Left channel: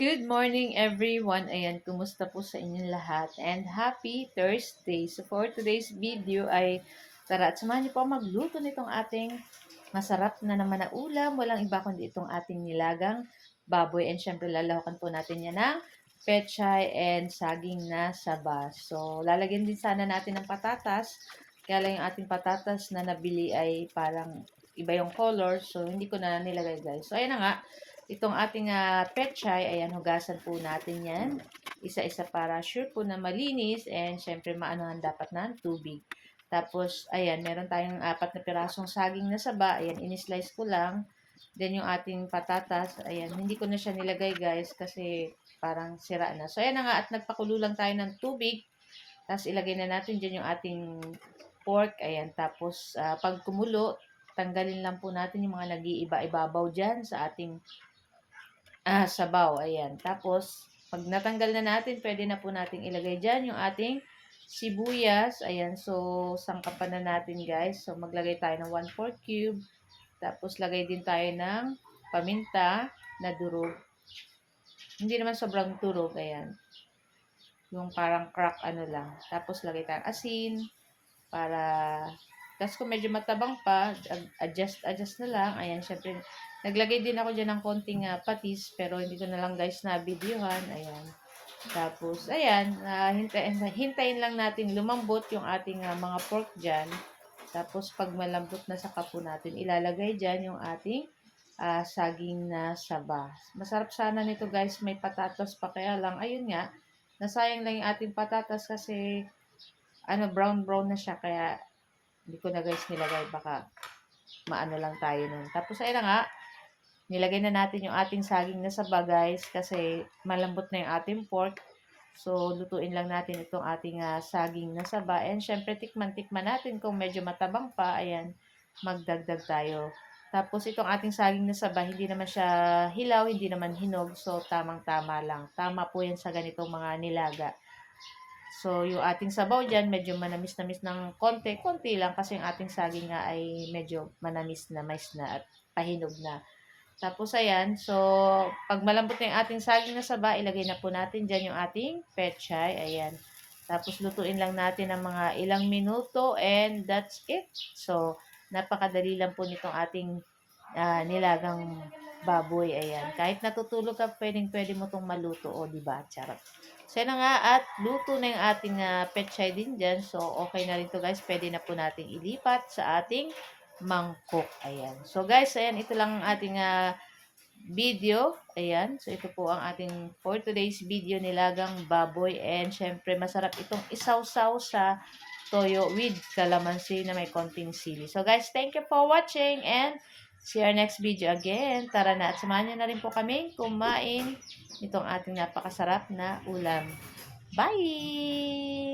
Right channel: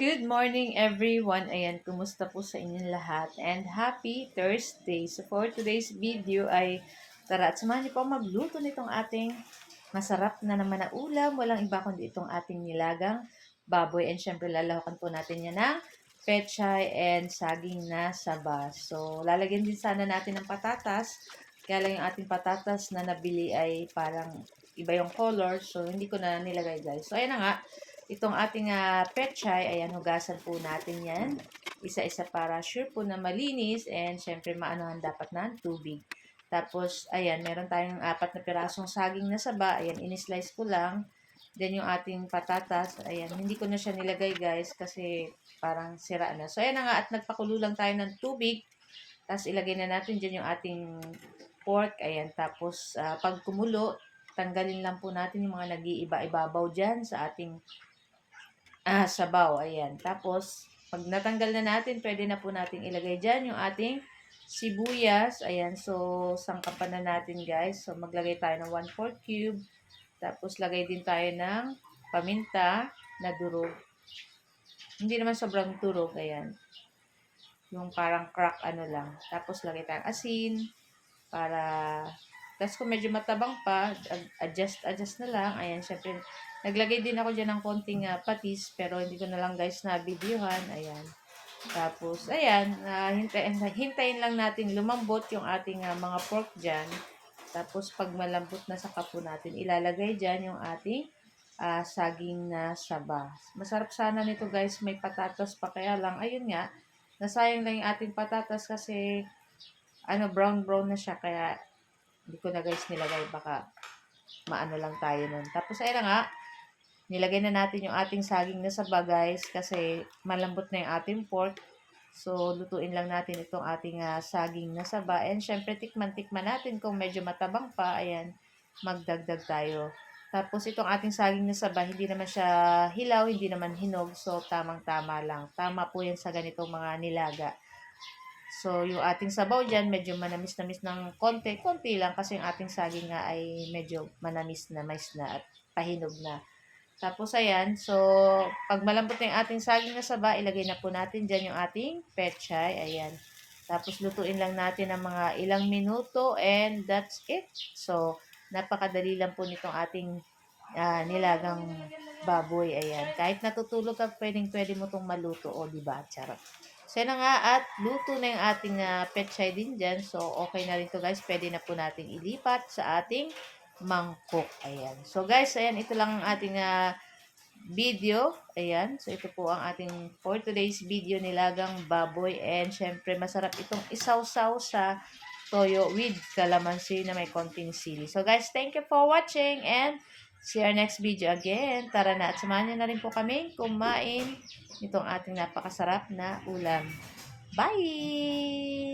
Good morning everyone. Ayan, kumusta po sa inyong lahat? And happy Thursday. So for today's video ay tara at samahan niyo po magluto nitong ating masarap na naman na ulam. Walang iba kundi itong ating nilagang baboy. And syempre lalawakan po natin yan ng pechay and saging na saba. So lalagyan din sana natin ng patatas. Kaya lang yung ating patatas na nabili ay parang iba yung color. So hindi ko na nilagay guys. So ayan na nga. Itong ating pechay, ayan, hugasan po natin yan. Isa-isa para sure po na malinis and syempre maanuhan dapat ng tubig. Tapos, ayan, meron tayong 4 na pirasong saging na saba. Ayan, in-slice ko lang. Then yung ating patatas, ayan, hindi ko na siya nilagay guys kasi parang sira na. So, ayan na nga at nagpakulo lang tayo ng tubig. Tapos ilagay na natin dyan yung ating pork. Ayan, tapos pag kumulo, tanggalin lang po natin yung mga nag-iiba-ibabaw dyan sa ating sabaw, ayan. Tapos, pag natanggal na natin, pwede na po nating ilagay dyan yung ating sibuyas. Ayan, so, sangkapan na natin guys. So, maglagay tayo ng 1/4 cube. Tapos, lagay din tayo ng paminta na durog. Hindi naman sobrang durog, ayan. Yung parang crack ano lang. Tapos, lagay tayong asin para tapos kung medyo matabang pa, adjust na lang. Ayan, syempre, naglagay din ako dyan ng konting patis, pero hindi ko na lang guys na videohan. Ayan. Tapos, ayan, hintayin lang natin lumambot yung ating mga pork dyan. Tapos, pag malambot na saka po natin, ilalagay dyan yung ating saging na saba. Masarap sana nito guys, may patatas pa. Kaya lang, ayun nga, nasayang lang yung ating patatas kasi brown na siya. Kaya, hindi ko na guys nilagay, baka maano lang tayo nun. Tapos ayun na nga, nilagay na natin yung ating saging na saba guys kasi malambot na yung ating pork. So lutuin lang natin itong ating saging na saba. And syempre tikman natin kung medyo matabang pa, ayan, magdagdag tayo. Tapos itong ating saging na saba, hindi naman siya hilaw, hindi naman hinog. So tamang-tama lang. Tama po yan sa ganitong mga nilaga. So, yung ating sabaw dyan, medyo manamis-namis ng konti lang kasi yung ating saging nga ay medyo manamis na, mais na at pahinog na. Tapos, ayan. So, pag malambot na yung ating saging na saba, ilagay na po natin dyan yung ating pechay. Ayan. Tapos, lutuin lang natin ng mga ilang minuto and that's it. So, napakadali lang po nitong ating nilagang baboy. Ayan. Kahit natutulog ka, pwede mo itong maluto. O, diba? Charot. So, yun na nga at luto na yung ating pechay din dyan. So, okay na rin to guys. Pwede na po nating ilipat sa ating mangkok. Ayan. So, guys, ayan. Ito lang ang ating video. Ayan. So, ito po ang ating for today's video nilagang baboy. And, syempre, masarap itong isaw-saw sa toyo with calamansi na may konting sili. So, guys, thank you for watching and see our next video again. Tara na at samahan niyo na rin po kami kumain itong ating napakasarap na ulam. Bye!